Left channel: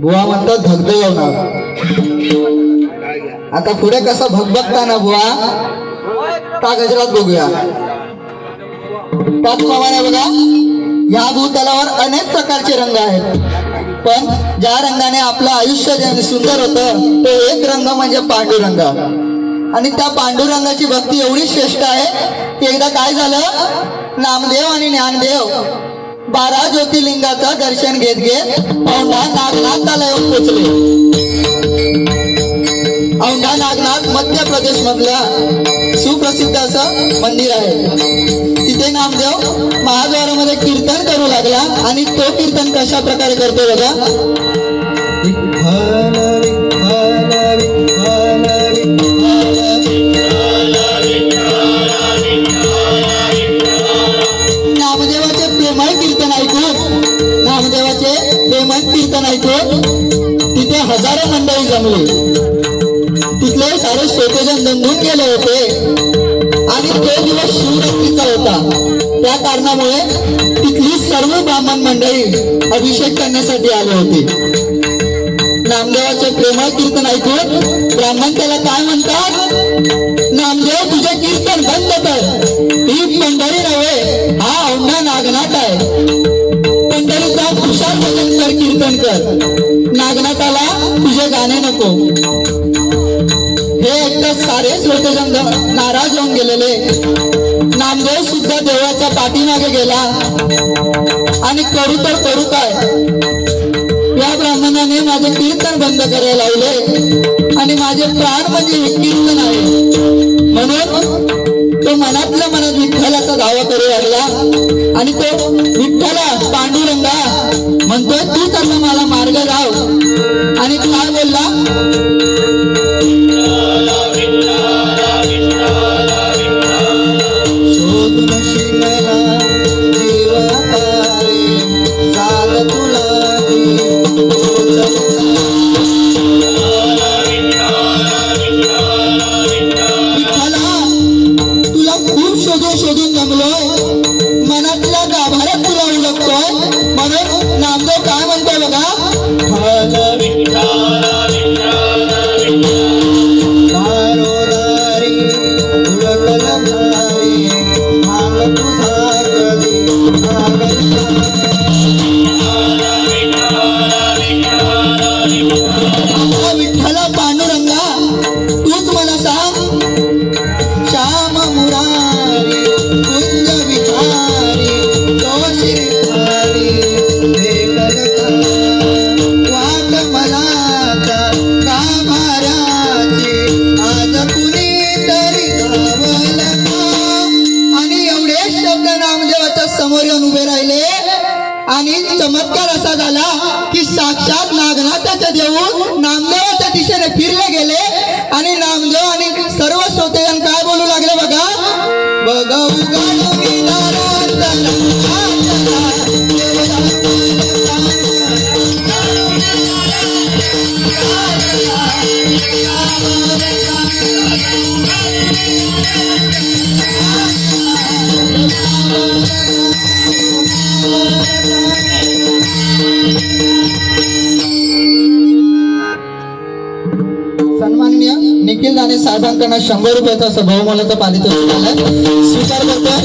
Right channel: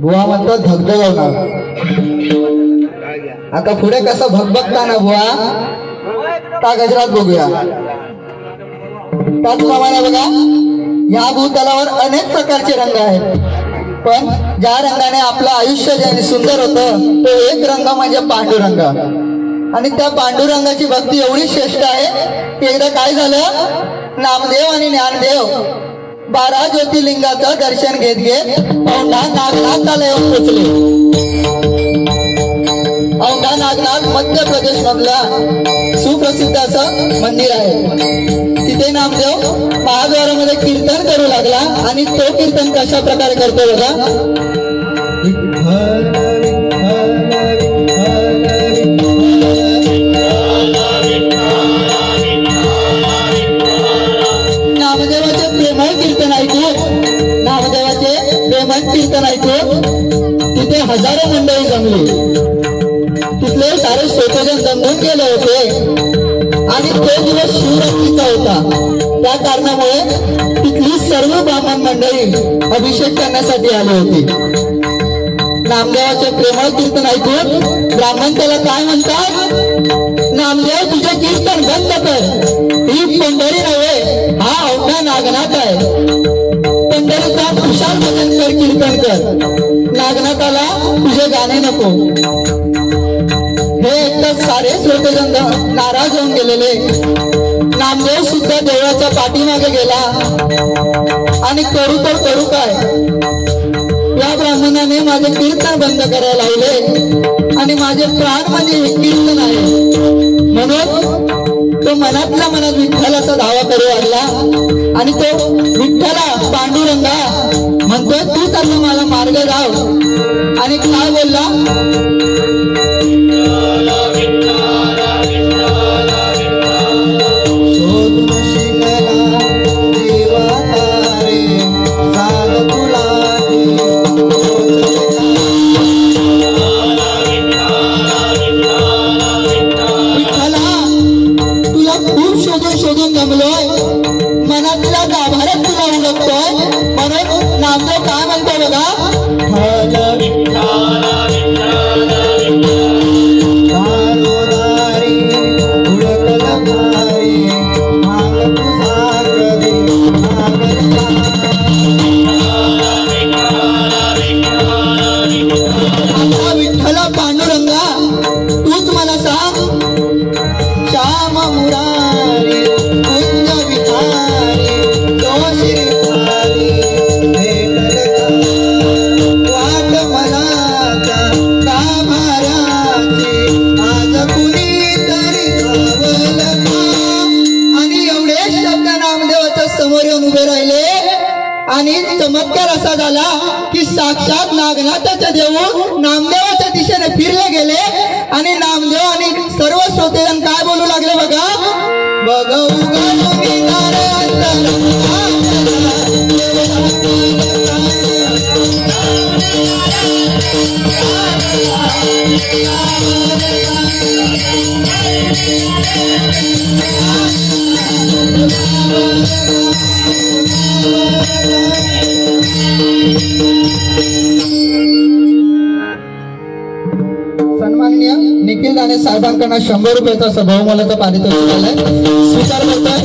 बुवा म्हणतात धगधगवणार. आता पुढे कसं भगभगताना बुवा त्या गजरात बघूया. त्याचप्रमाणे बघा या भूतलावर अनेक प्रकारचे रंग आहेत, पण ज्या रंगाने आपलं आयुष्य ज्याने सुंदर होतं तो एक रंग म्हणजे पांडुरंग. आणि त्या पांडुरंगाची भक्ती एवढी श्रेष्ठ आहे की एकदा काय झालं, नामदेव आणि ज्ञानदेव 12 ज्योतिर्लिंगाचं दर्शन घेत घेत औंढा नागनाथाला येऊन पोचले. औंढा नागनाथ मध्य प्रदेश मधला सुप्रसिद्ध असं मंदिर आहे. तिथे नामदेव महाद्वारामध्ये कीर्तन करू लागला आणि तो कीर्तन कशा प्रकारे करतो बघा. नामदेवाचे प्रेमळ कीर्तन ऐकून तिथे हजारो मंडळी जमली. तिथले सारे श्रोतेजन दंगून गेले होते आणि तो दिवस शिवरात्रीचा होता. त्या कारणामुळे तिथली सर्व ब्राह्मण मंडळी अभिषेक करण्यासाठी आली होती. नामदेवाचे प्रेमळ कीर्तन ऐकून ब्राह्मण त्याला काय म्हणतात, नामदेव तुझे कीर्तन बंद कर, ही पंढरी नव्हे हा औंढा नागनाथ आहे. पंढरीचा खुशाल भजन कर, कीर्तन कर, नागनाथाला तुझे गाणे नको. हे एकदा सारे श्रोतेजन नाराज होऊन गेलेले. नामदेव सुद्धा देवाच्या पाठीमागे गेला आणि करू तर करू काय, या ब्राह्मणाने माझे कीर्तन बंद करायला लावले आणि माझे प्राण म्हणजे हे कीर्तन आहे. म्हणून तो मनातल्या मनात विठ्ठलाचा दावा करू लागला आणि तो विठ्ठला पांडुरंगा म्हणतोय तू त्यांना मला मार्ग लाव. आणि काय बोलला, शोधून जमलोय, मनातल्या गाभाऱ्यात तुला उलगतोय. म्हणून नामदेव काय म्हणतो बघा, विठ्ठला पांडुरंगा तूच मला सांग, श्याम मुरारी कुंज विहारी वाट मनाचा कामाराची आज कुणी तरी गावला. आणि एवढे शब्द नामदेवाच्या समोर येऊन उभे राहिले आणि चमत्कार असा झाला की साक्षात नागनाथाच्या देऊन नामदेवाच्या दिशेने फिरले गेले. आणि नामदेव आणि सर्व श्रोतेजन काय बोलू लागले बघा, सन्माननीय निखिल दाने साहेबांकडून 100 रुपयाचा सभावमानाचा पारितोषिक स्वीकार करतोय.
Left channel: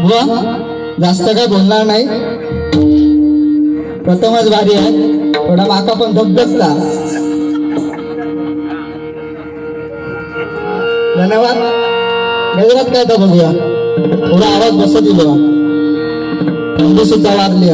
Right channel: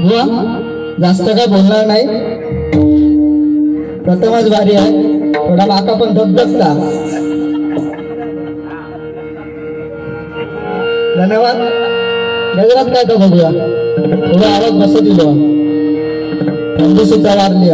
बुवा जास्त काय बोलणार नाही, प्रथमच भारी आहे, थोडा माका पण धबधबला. धन्यवाद. गजरात काय तर बघूया, थोडा आवाज बसत दिलो, बंधू सुद्धा वारली.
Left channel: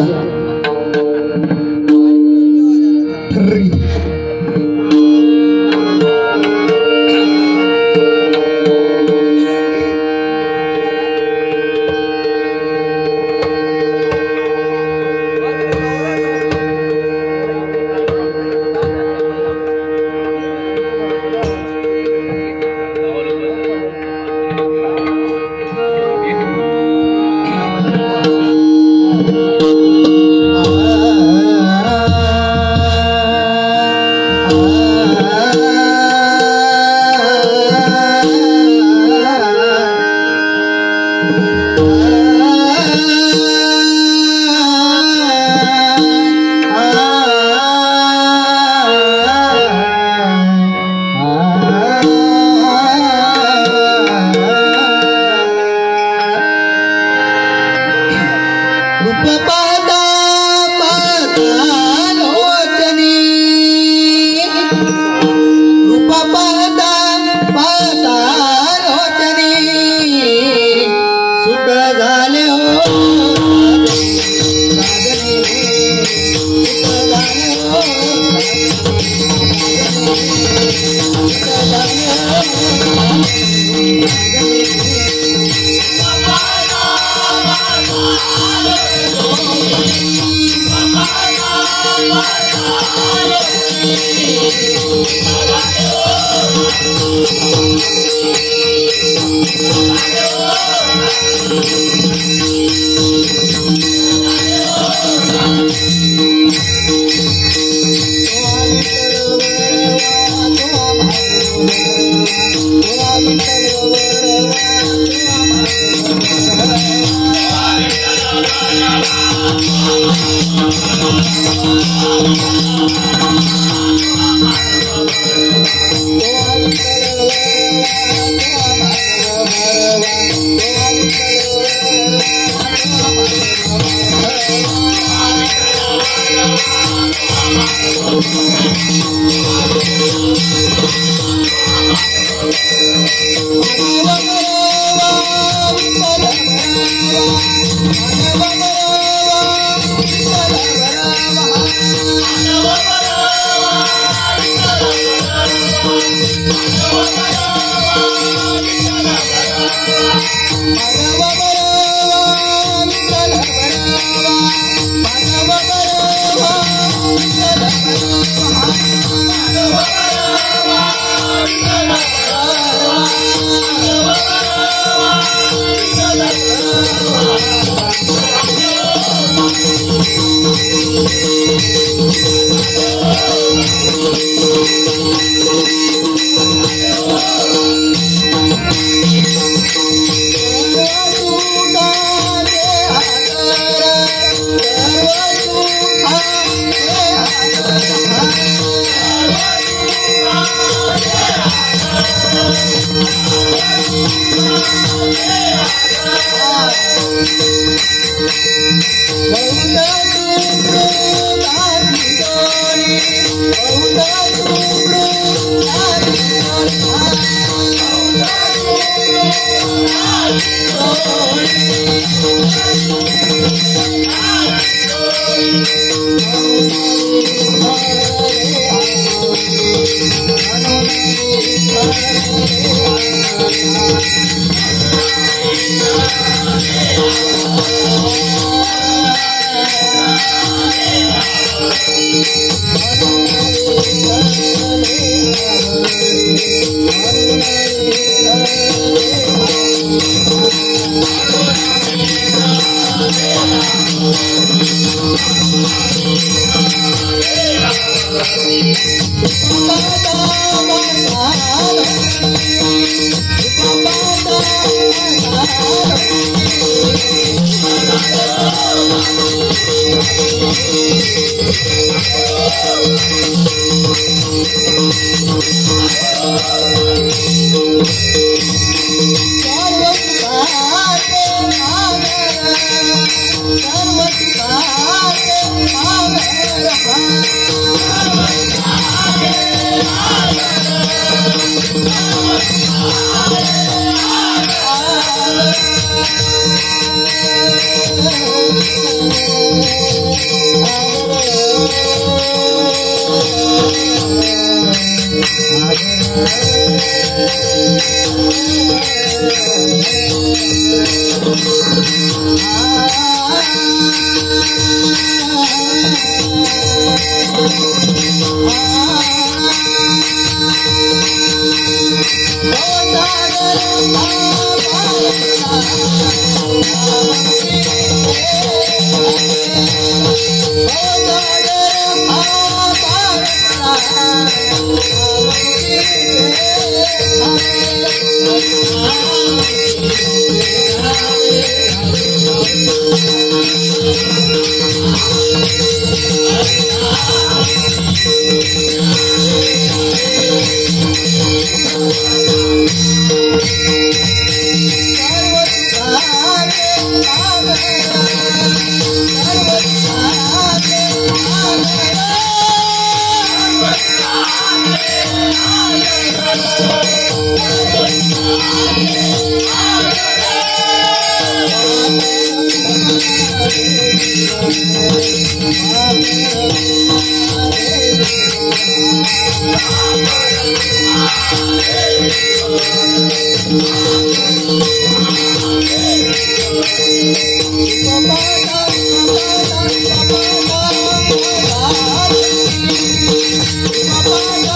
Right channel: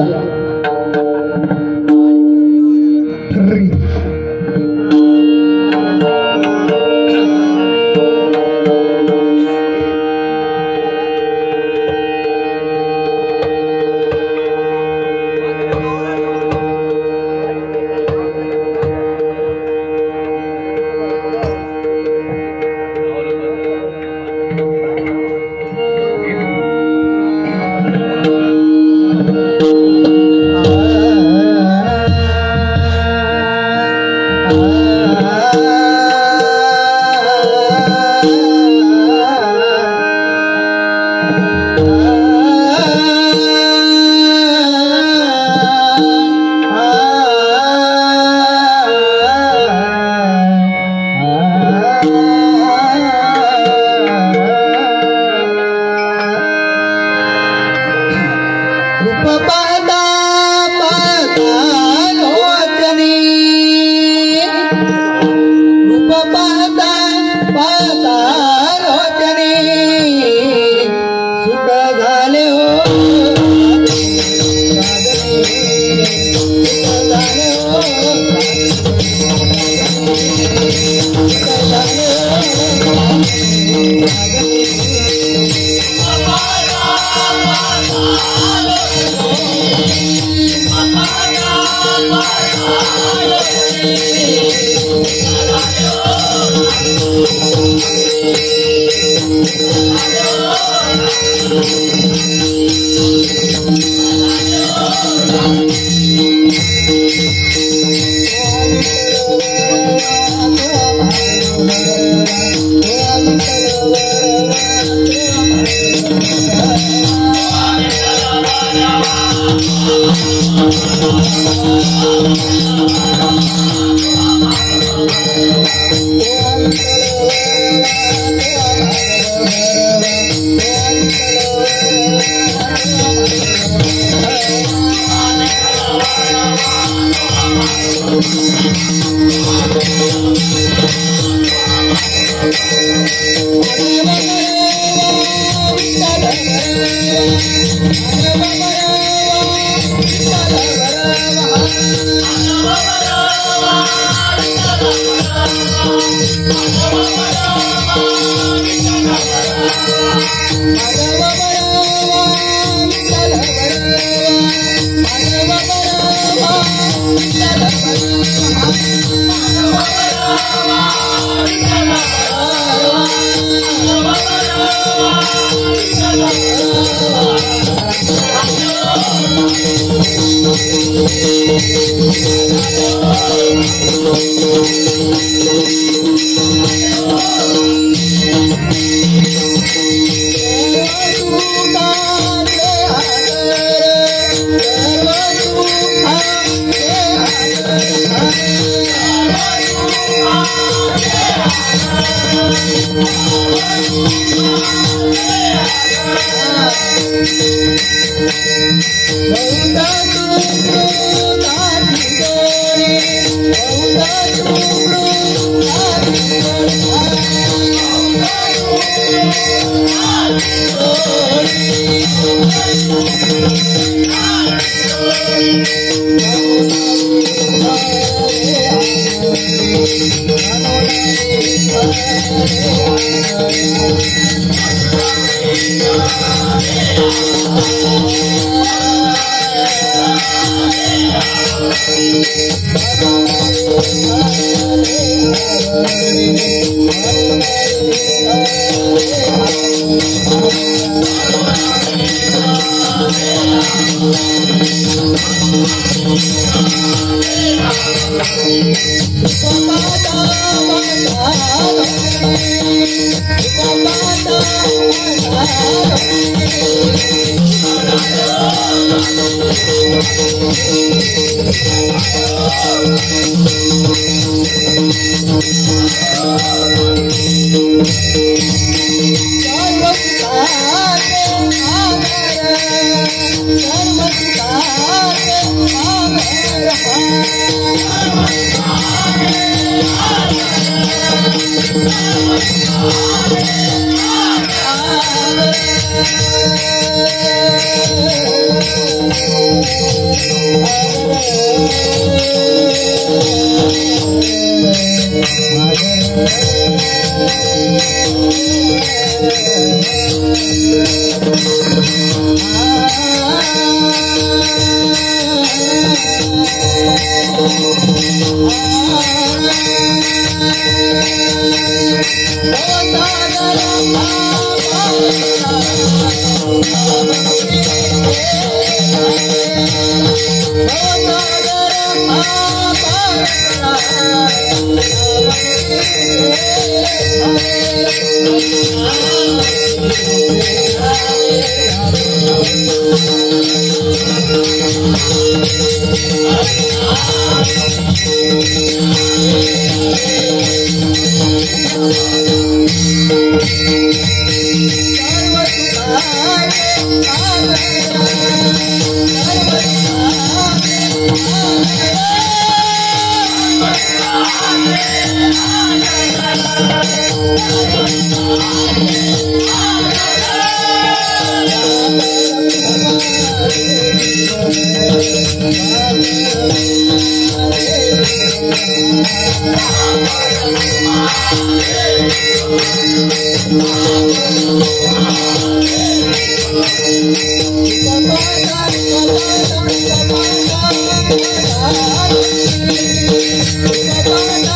Bye.